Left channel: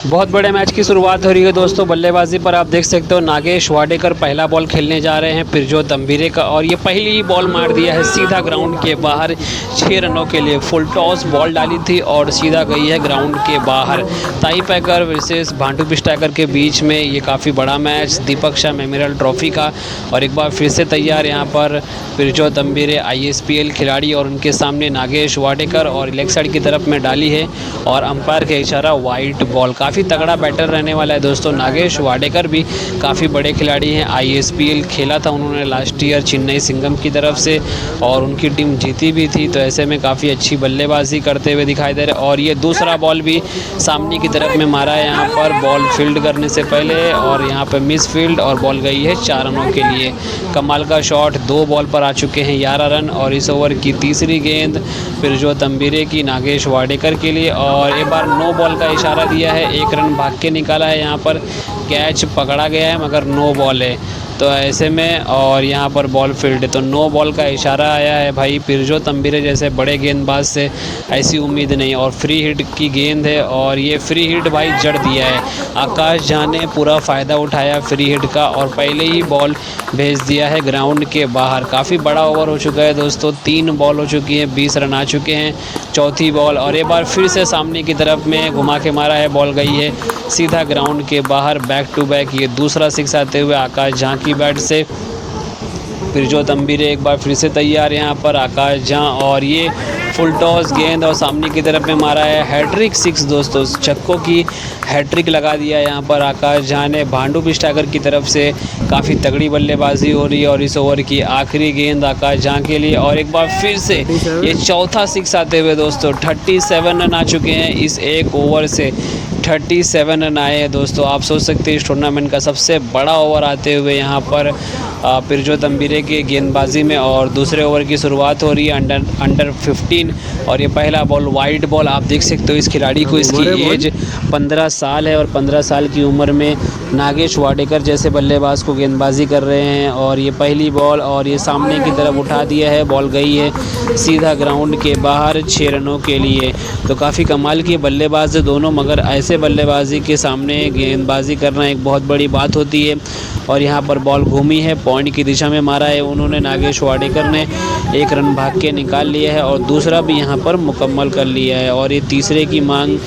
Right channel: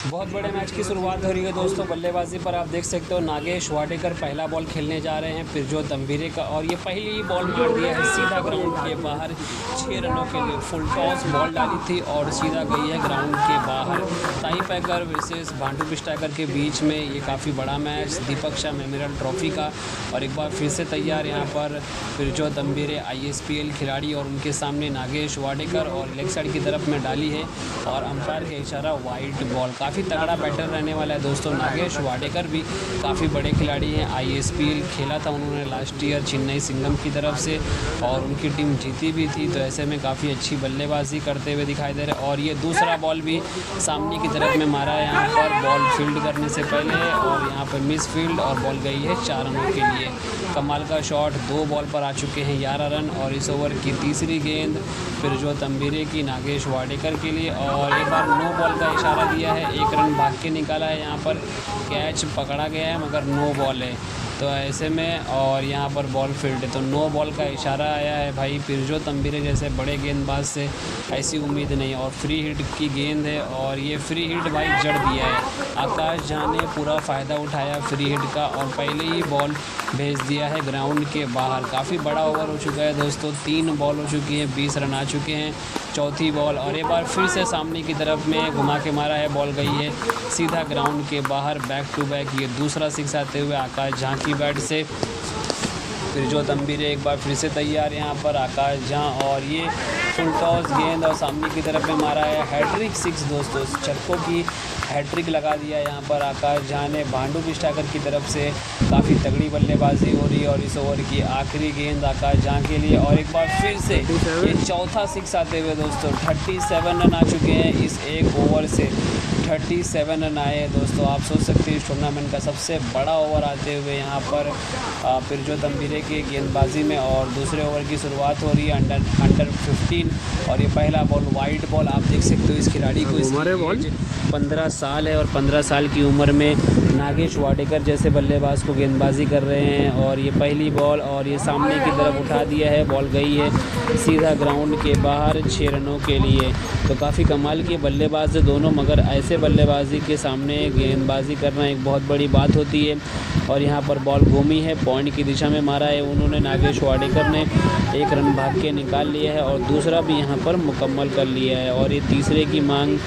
बहुत बड़े मैच की शुरुआत हो रही है दोस्तों। बल्लेबाजी पर आप देख सकते हो नागेश वाडेकर पहला बॉल खेलने जा रहे हैं पिरजोत तंबीरे का, और ये पहली ही बॉल मार दिया है सीधा ग्राउंड के बाहर 6 रनों के लिए। फुल टॉस बॉल डाली थी और सीधा गई है ग्राउंड के बाहर। ताई पैकर वर्सेस भांटू पिस्टाकर के बीच में ये काफ़ी बड़ा मैच दीपक शाह मेमोरियल ट्रॉफी का। और एक बार फिर से तैयार यहाँ पर पिरजोत तंबीरे ISPL खिलाड़ी, और उनके सामने नागेश वाडेकर, और लेग साइड की तरफ में डाली है और अंपायर का इशारा वाइट बॉल। काफ़ी तगड़ा बैटर रहने वाला है दोस्तों। नागेश वाडेकर भी काफ़ी बड़े खिलाड़ी हैं। ISPL खेला था उन्होंने लास्ट ईयर चेन्नई सिंघम की तरफ से, और उनकी टीम जीती भी थी। तो ऐसे में काफ़ी अच्छी बल्लेबाजी करते हुए दिखाई दे रहे। और ये दूसरा बॉल भी सामने की तरफ में मारा है यहाँ पर बॉल फील्ड करने से पहले, और यहाँ पर मिस फील्ड, और बॉल गई है 4 रनों के लिए। कमाल का शॉट, 2 बॉल पर आ चुके हैं 11 रन। और इस ओवर की तीसरी गेंद पिरजोत तंबीरे की नागेश वाडेकर के लिए, और एक बार नो बॉल का इशारा दिया है। 1 रन भाग के निकाला है यहाँ पर, कैच पकड़ा गया है मगर नो बॉल है। तो ऐसे में और यहाँ पर बॉल फील्ड है, तो नो बॉल का इशारा आया है। भाई पिरजोत तंबीरे जैसे बड़े गेंदबाज से ऐसी उम्मीद नहीं। और फ्री हिट की गेंद है, और ये फ्री हिट भाई जड़ दिया है। आकाश झा ने पूरा फ़ायदा उठाया फ्री हिट का, और पहले ही बॉल भेज दिया है ग्राउंड के बाहर। काफ़ी बड़ा ओवर हो चुका है दोस्तों। 3 बॉल हो चुकी हैं, 20 रन आ चुके हैं। चौथी बॉल, और एक बार फिर से सामने की तरफ में घुमा के मारा है, बॉल गई है सीधा ग्राउंड के बाहर। बैक टू बैक ये दूसरा सिक्स आते हुए आकाश झा की बैट से। पिरजोत तंबीरे एक बार फिर से तैयार यहाँ पर आकाश झा, और ये फुल टॉस गेंद और सामने की तरफ में मारा है हैट्रिक 6 दोस्तों। छक्कों की हैट्रिक लगा दिया यहाँ पर आकाश झा ने। भांडू पिस्टाकर की तरफ से काफ़ी तगड़ी बल्लेबाजी हो रही है, और इस ओवर की आखिरी गेंद आकाश झा के लिए। और एक बार फिर से ये चौथा सिक्स आते हुए दोस्तों 37 रन आ चुके हैं इस एक ओवर से। 37 रन आए हैं दोस्तों। आप सोच सकते हैं इस टूर्नामेंट का सबसे बड़ा ओवर आते हुए यहाँ पर पिरजोत तंबीरे की गेंदबाजी में। और दूसरे ओवर की शुरुआत हो रही है अंडर 15, और ये पहला बॉल वाइड बॉल। आप देख सकते हो इस खिलाड़ी को, इसकी एज 15 साल है, और 15 साल की उम्र में नागेश वाडेकर जैसे बल्लेबाज को गेंदबाजी कर रहे हैं। और ये पहली बॉल, और ये सामने की तरफ उठा दिया है, बॉल गई है सीधा ग्राउंड के बाहर 6 रनों के लिए। तो काफ़ी कमाल की बल्लेबाज है दोनों, मगर ऐसे बल्लेबाजी के सामने गेंदबाजी करना एक बहुत बड़ी बात होती है। और यहाँ पर बॉल घूमी है, पॉइंट की दिशा में मारा है उन्होंने। नागेश वाडेकर ने 1 रन भाग के निकाल लिया है, और दूसरा भी यहाँ पर मुकम्मल कर लिया है। और ये तीसरे की मांग,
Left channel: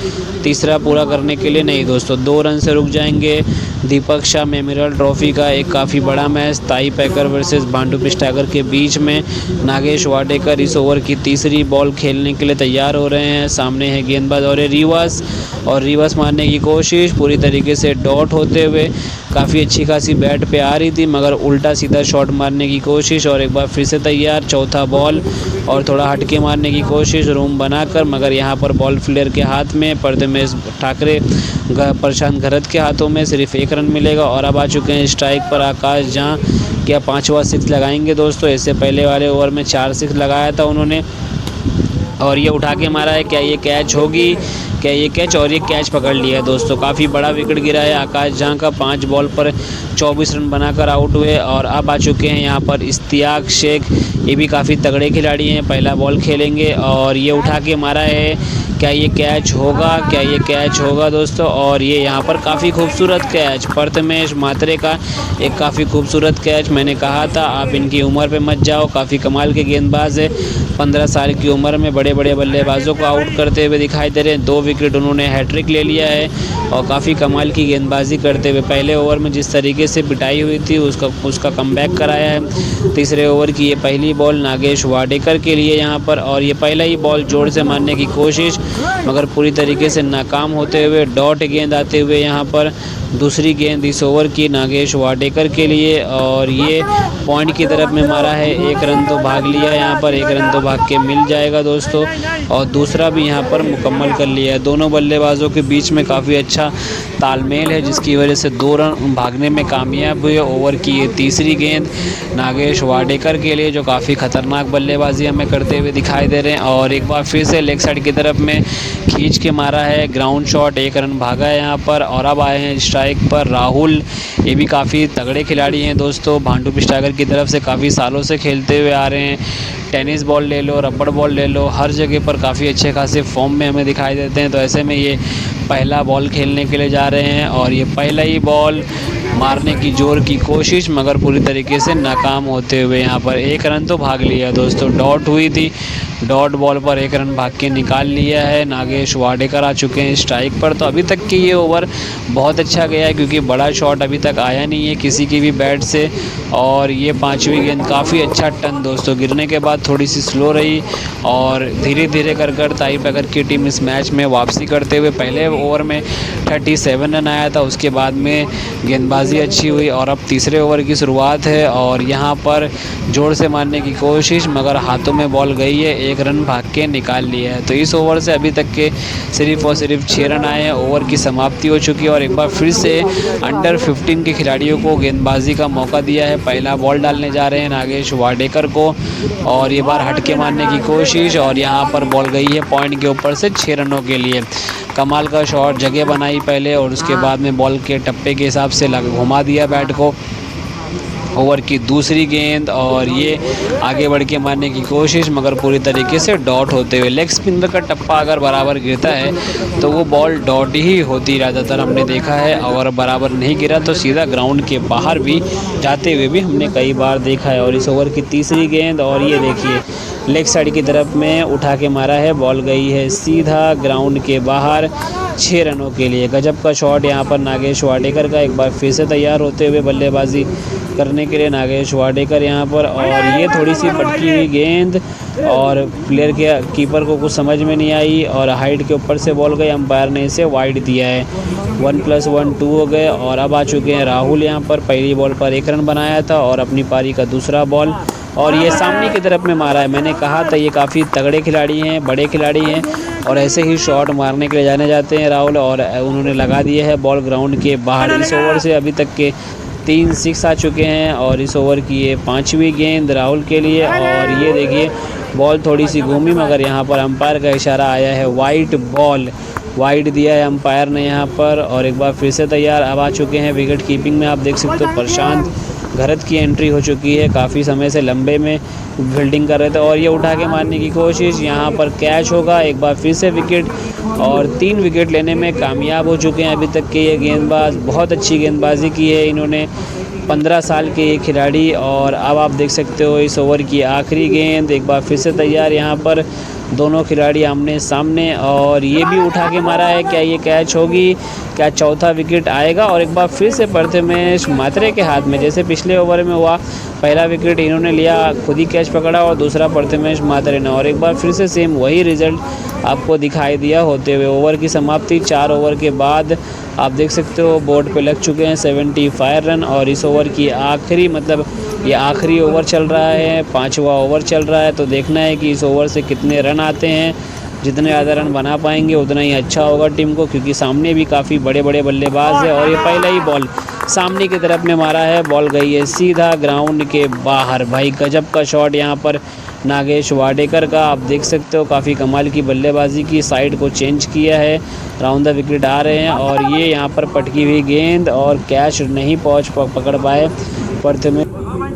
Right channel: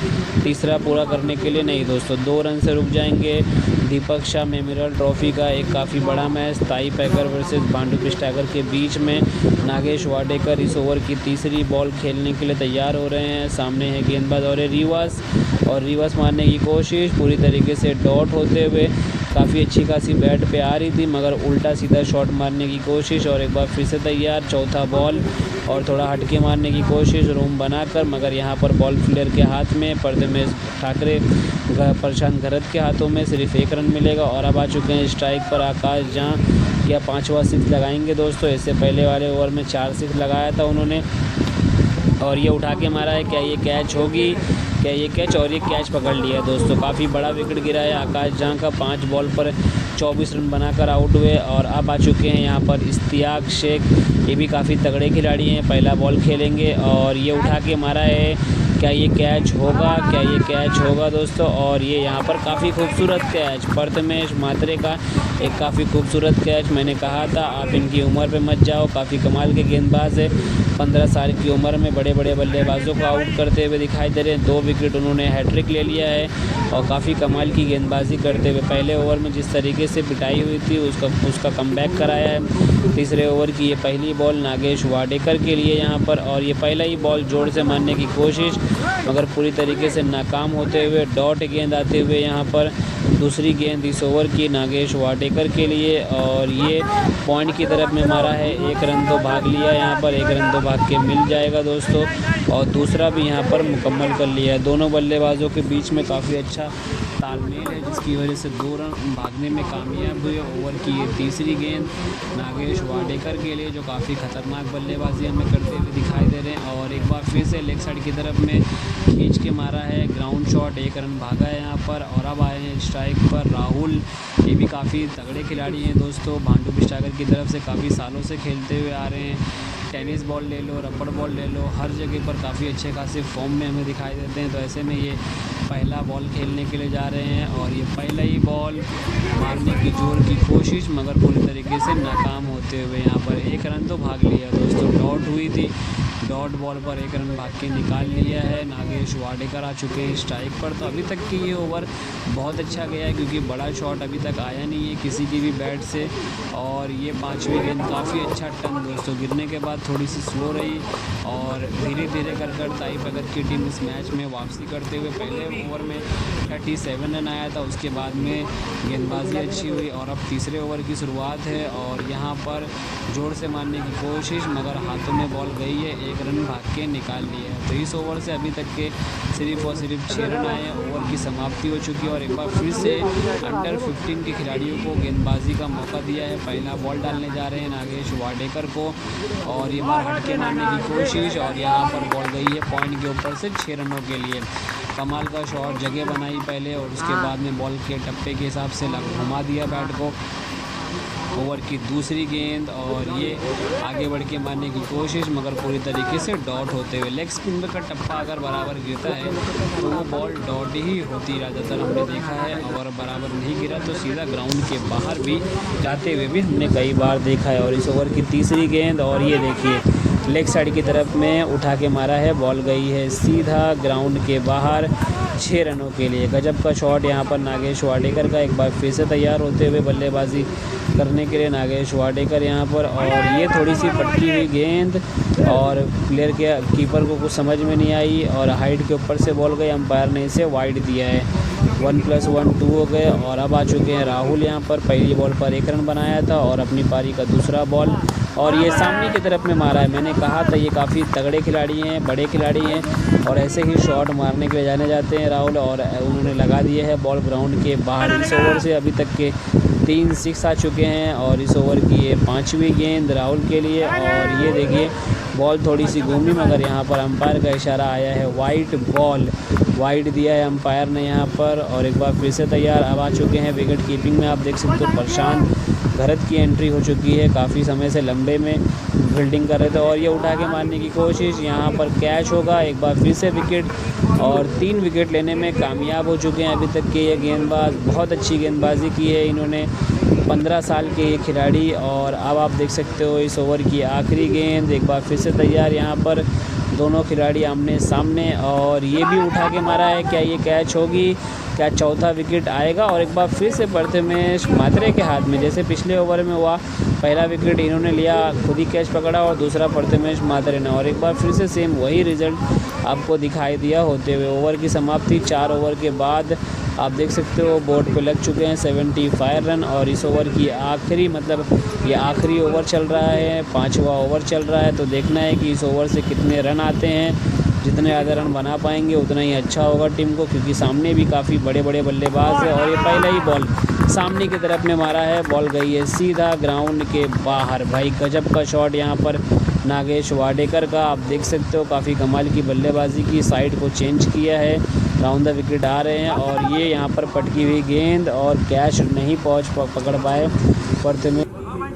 तीसरा पूरा करने के लिए नहीं दोस्तों, 2 रन से रुक जाएंगे। दीपक शाह मेमोरियल ट्रॉफी का एक काफ़ी बड़ा मैच ताई पैकर वर्सेस भांडू पिस्टाकर के बीच में। नागेश वाडेकर इस ओवर की तीसरी बॉल खेलने के लिए तैयार हो रहे हैं। सामने है गेंदबाज, और रिवर्स मारने की कोशिश, पूरी तरीके से डॉट होते हुए काफ़ी अच्छी खासी बैट पे आ रही थी, मगर उल्टा सीधा शॉट मारने की कोशिश। और एक बार फिर से तैयार, चौथा बॉल, और थोड़ा हटके मारने की कोशिश रूम बनाकर, मगर यहाँ पर बॉल फील्डर के हाथ में, परदेमेश ठाकरे प्रशांत घरत के हाथों में। सिर्फ 1 रन मिलेगा। और अब आ चुके हैं स्ट्राइक पर आकाश झा। क्या 5वां सिक्स लगाएंगे दोस्तों? इससे पहले वाले ओवर में 4 सिक्स लगाया था उन्होंने, और ये उठा के मारा है। क्या ये कैच होगी? क्या ये कैच? और ये कैच पकड़ लिया है दोस्तों। काफ़ी बड़ा विकेट गिरा है आकाश झा का। 5 बॉल पर 24 रन बनाकर आउट हुए। और अब आ चुके हैं यहाँ पर इश्तियाक शेख, ये भी काफ़ी तगड़े खिलाड़ी हैं। पहला बॉल खेलेंगे, और ये उठा के मारा है। क्या ये कैच होगा? क्या ये कैच होगा दोस्तों? और ये यहाँ पर काफ़ी खूबसूरत कैच, प्रथमेश मात्रे का एक काफ़ी खूबसूरत कैच। मैंने कहा था आप इनकी उम्र पे मत जाओ, काफ़ी कमाल के गेंदबाज है। 15 साल की उम्र में बड़े बड़े बल्लेबाजों को आउट करते हुए दिखाई दे रहे हैं। 2 विकेट उन्होंने हैट्रिक ले लिया है, और काफ़ी कमाल की गेंदबाजी करते हुए पहले ओवर में जिस तरीके से पिटाई हुई थी उसका कमबैक कराया है। तीसरे ओवर की ये पहली बॉल नागेश वाडेकर के लिए यहाँ पर, और ये पहला ही बॉल जोर से मारने की कोशिश, मगर पूरी तरीके से नाकाम होते हुए डॉट गेंद आते हुए यहाँ पर दूसरी गेंद इस ओवर की नागेश वाडेकर के लिए। और ये पॉइंट की तरफ में मारा है। 1 रन तो भाग लिया यहाँ पर, 1 रन तो भाग के मिल जाएगा दोस्तों, और दूसरा भी यहाँ पर मुकम्मल कर लिया है। दोनों बल्लेबाजों के बीच में काफ़ी अच्छा तालमेल है, जिसकी वजह से 2 रन भागने में कामयाब हुए। ओवर की ये तीसरी गेंद नागेश वाडेकर के लिए, जो काफ़ी ख़तरनाक बल्लेबाजी हमें करते हुए दिखाई दे रहे हैं। और एक बार फिर से लेग साइड की तरफ में खींच के मारा है, ग्राउंड शॉट, 1 रन भागा है यहाँ पर। और अब आए हैं स्ट्राइक पर राहुल, ये भी काफ़ी तगड़े खिलाड़ी हैं दोस्तों। भांडू पिस्टाकर की तरफ से काफ़ी सालों से खेलते हुए आ रहे हैं। टेनिस बॉल ले लो, रबड़ बॉल ले लो, हर जगह पर काफ़ी अच्छे खासे फॉर्म में हमें दिखाई देते हैं। तो ऐसे में ये पहला बॉल खेलने के लिए जा रहे हैं और ये पहला ही बॉल मारने की जोर की कोशिश मगर पूरी तरीके से नाकाम होते हुए यहाँ पर 1 रन तो भाग लिया दोस्तों। डॉट हुई थी, डॉट बॉल पर 1 रन भाग के निकाल लिया है। नागेश वाडेकर आ चुके हैं स्ट्राइक पर। तो अभी तक की ये ओवर बहुत अच्छा गया है क्योंकि बड़ा शॉट अभी तक आया नहीं है किसी की भी बैट से। और ये 5वीं गेंद काफ़ी अच्छा टर्न दोस्तों, गिरने के बाद थोड़ी सी स्लो रही और धीरे धीरे कर ताई पकर की टीम इस मैच में वापसी करते हुए पहले ओवर में 37 रन आया था, उसके बाद में गेंदबाजी अच्छी हुई और अब तीसरे ओवर की शुरुआत है और यहाँ पर जोर से मारने की कोशिश मगर हाथों में बॉल गई है, 1 रन भाग के निकाल लिया है। तो इस ओवर से अभी तक के सिर्फ और सिर्फ 6 रन आए हैं। ओवर की समाप्ति हो चुकी है और एक बार फिर से अंडर 15 के खिलाड़ियों को गेंदबाजी का मौका दिया है। पहला बॉल डालने जा रहे हैं नागेश वाडेकर को और ये बार हट के मारने की कोशिश और यहाँ पर बॉल गई है पॉइंट के ऊपर से 6 रनों के लिए। कमाल का शॉट, जगह बनाई पहले और उसके बाद में बॉल के टप्पे के हिसाब से घुमा दिया बैट को। ओवर की दूसरी गेंद और ये आगे बढ़ के मारने की कोशिश मगर पूरी तरीके से डॉट होते हुए। लेग स्पिनर का टप्पा अगर बराबर गिरता है तो वो बॉल डॉट ही होती ज़्यादातर हमने देखा है और बराबर नहीं गिरा तो सीधा ग्राउंड के बाहर भी जाते हुए भी हमने कई बार देखा है। और इस ओवर की तीसरी गेंद और ये देखिए लेग साइड की तरफ में उठा के मारा है, बॉल गई है सीधा ग्राउंड के बाहर 6 रनों के लिए। गजब का शॉट यहाँ पर नागेश वाडेकर का, एक बार फिर से तैयार होते हुए बल्लेबाजी करने के लिए नागेश वाडेकर यहाँ पर। और ये थोड़ी सी पटकी हुई गेंद और प्लेयर के कीपर को कुछ समझ में नहीं आई और हाइट के ऊपर से बॉल गई, अंपायर ने इसे वाइड दिया है। 1+1 2 हो गए और अब आ चुके हैं राहुल यहाँ पर। पहली बॉल पर 1 रन बनाया था और अपनी पारी का दूसरा बॉल और ये सामने की तरफ में मारा है। मैंने कहा था ये काफ़ी तगड़े खिलाड़ी हैं, बड़े खिलाड़ी हैं और ऐसे ही शॉट मारने के लिए जाने जाते हैं राहुल और उन्होंने लगा दिए है बॉल ग्राउंड के बाहर। इस ओवर से अभी तक के 3 6 आ चुके हैं और इस ओवर की ये 5वीं गेंद राहुल के लिए। और ये देखिए बॉल थोड़ी सी घूमी मगर यहाँ पर अंपायर का इशारा आया है, वाइड बॉल, वाइड दिया है अंपायर ने यहाँ पर। और एक बार फिर से तैयार अब आ चुके हैं विकेट कीपिंग में। आप देख सकते हो प्रशांत घरत की एंट्री हो चुकी है, काफ़ी समय से लंबे में फील्डिंग कर रहे थे और ये उठा के मारने की कोशिश, यहाँ पर कैच होगा। एक बार फिर से विकेट और 3 विकेट लेने में कामयाब हो चुके हैं अभी तक के ये गेंदबाज। बहुत अच्छी गेंदबाजी की है इन्होंने, 15 साल के ये खिलाड़ी। और अब आप देख सकते हो इस ओवर की आखिरी गेंद, एक बार फिर से तैयार यहाँ पर दोनों खिलाड़ी आमने सामने और ये भी उठा के मारा है। क्या ये कैच होगी, क्या चौथा विकेट आएगा? और एक बार फिर से प्रथमेश मात्रे के हाथ में, जैसे पिछले ओवर में हुआ, पहला विकेट इन्होंने लिया, खुद ही कैच पकड़ा और दूसरा प्रथमेश मात्रे ने। और एक बार फिर से सेम वही रिजल्ट आपको दिखाई दिया होते हुए। ओवर की समाप्ति 4 ओवर के बाद आप देख सकते हो बोर्ड पे लग चुके हैं 75 रन। और इस ओवर की आखिरी, मतलब ये आखिरी ओवर चल रहा है, 5वां ओवर चल रहा है। तो देखना है कि इस ओवर से कितने रन आते हैं। जितने ज़्यादा रन बना पाएंगे उतना ही अच्छा होगा टीम को, क्योंकि सामने भी काफ़ी बड़े बड़े बल्लेबाज है। और ये पहला ही बॉल सामने की तरफ में मारा है, बॉल गई है सीधा ग्राउंड के बाहर। भाई गजब का शॉट यहाँ पर नागेश वाडेकर का, आप देख सकते हो काफ़ी कमाल की बल्लेबाजी की, साइड को चेंज किया है, राउंड द विकेट आ रहे हैं। और ये यहाँ पर पटकी हुई गेंद और कैच नहीं पकड़ पाए प्रथमेश।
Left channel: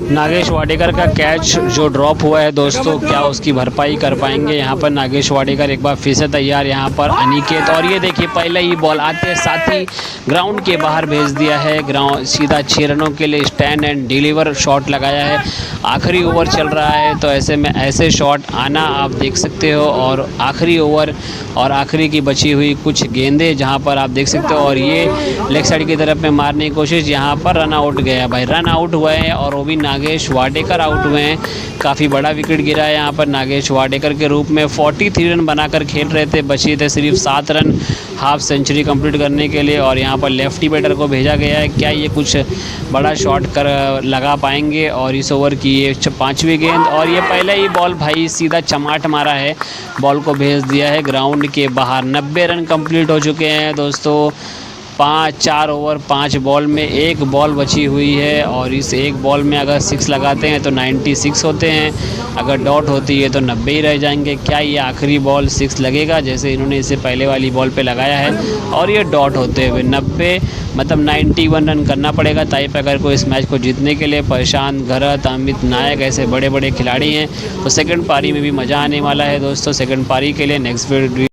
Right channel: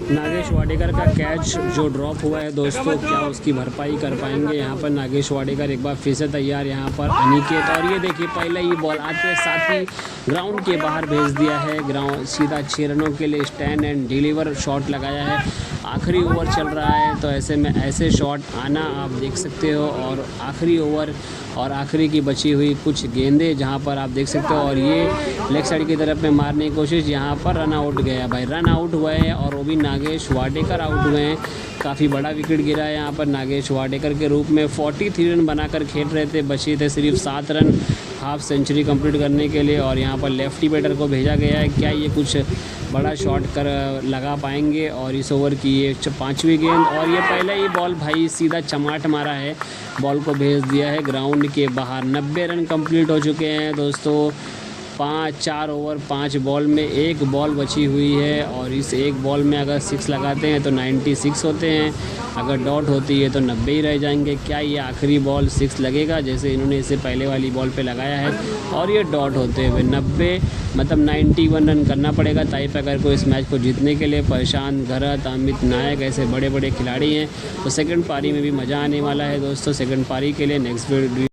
नागेश वाडेकर का कैच जो ड्रॉप हुआ है दोस्तों, क्या उसकी भरपाई कर पाएंगे यहाँ पर नागेश वाडेकर? एक बार फिर से तैयार यहाँ पर अनिकेत। और ये देखिए पहले ही बॉल आते साथ ही ग्राउंड के बाहर भेज दिया है, ग्राउंड सीधा 6 रनों के लिए स्टैंड एंड डिलीवर शॉट लगाया है। आखिरी ओवर चल रहा है तो ऐसे में ऐसे शॉट आना आप देख सकते हो। और आखिरी ओवर और आखिरी की बची हुई कुछ गेंदें जहाँ पर आप देख सकते हो। और ये लेग साइड की तरफ में मारने की कोशिश, यहाँ पर रन आउट गया भाई, रन आउट हुए हैं और वो भी नागेश वाडेकर आउट हुए हैं। काफ़ी बड़ा विकेट गिरा है यहाँ पर नागेश वाडेकर के रूप में। 43 रन बनाकर खेल रहे थे, बचे थे सिर्फ 7 रन हाफ सेंचुरी कंप्लीट करने के लिए। और यहाँ पर लेफ्टी बैटर को भेजा गया है, क्या ये कुछ बड़ा शॉट कर लगा पाएंगे? और इस ओवर की ये 5वीं गेंद और ये पहले ही बॉल भाई सीधा चमाट मारा है, बॉल को भेज दिया है ग्राउंड के बाहर। 90 रन कंप्लीट हो चुके हैं दोस्तों। 4 ओवर 5 बॉल में 1 बॉल बची हुई है और इस एक बॉल में अगर 6 लगाते हैं तो 96 होते हैं, अगर डॉट होती है तो 90 ही रह जाएंगे। क्या ये आखिरी बॉल 6 लगेगा जैसे इन्होंने इसे पहले वाली बॉल पे लगाया है? और ये डॉट होते हुए 90 मतलब 91 रन करना पड़ेगा ताई अगर को इस मैच को जीतने के लिए। प्रशांत घरत, अमित नायक ऐसे बड़े बड़े खिलाड़ी हैं, तो सेकंड पारी में भी मज़ा आने वाला है दोस्तों। सेकंड पारी के लिए नेक्स्ट वीडियो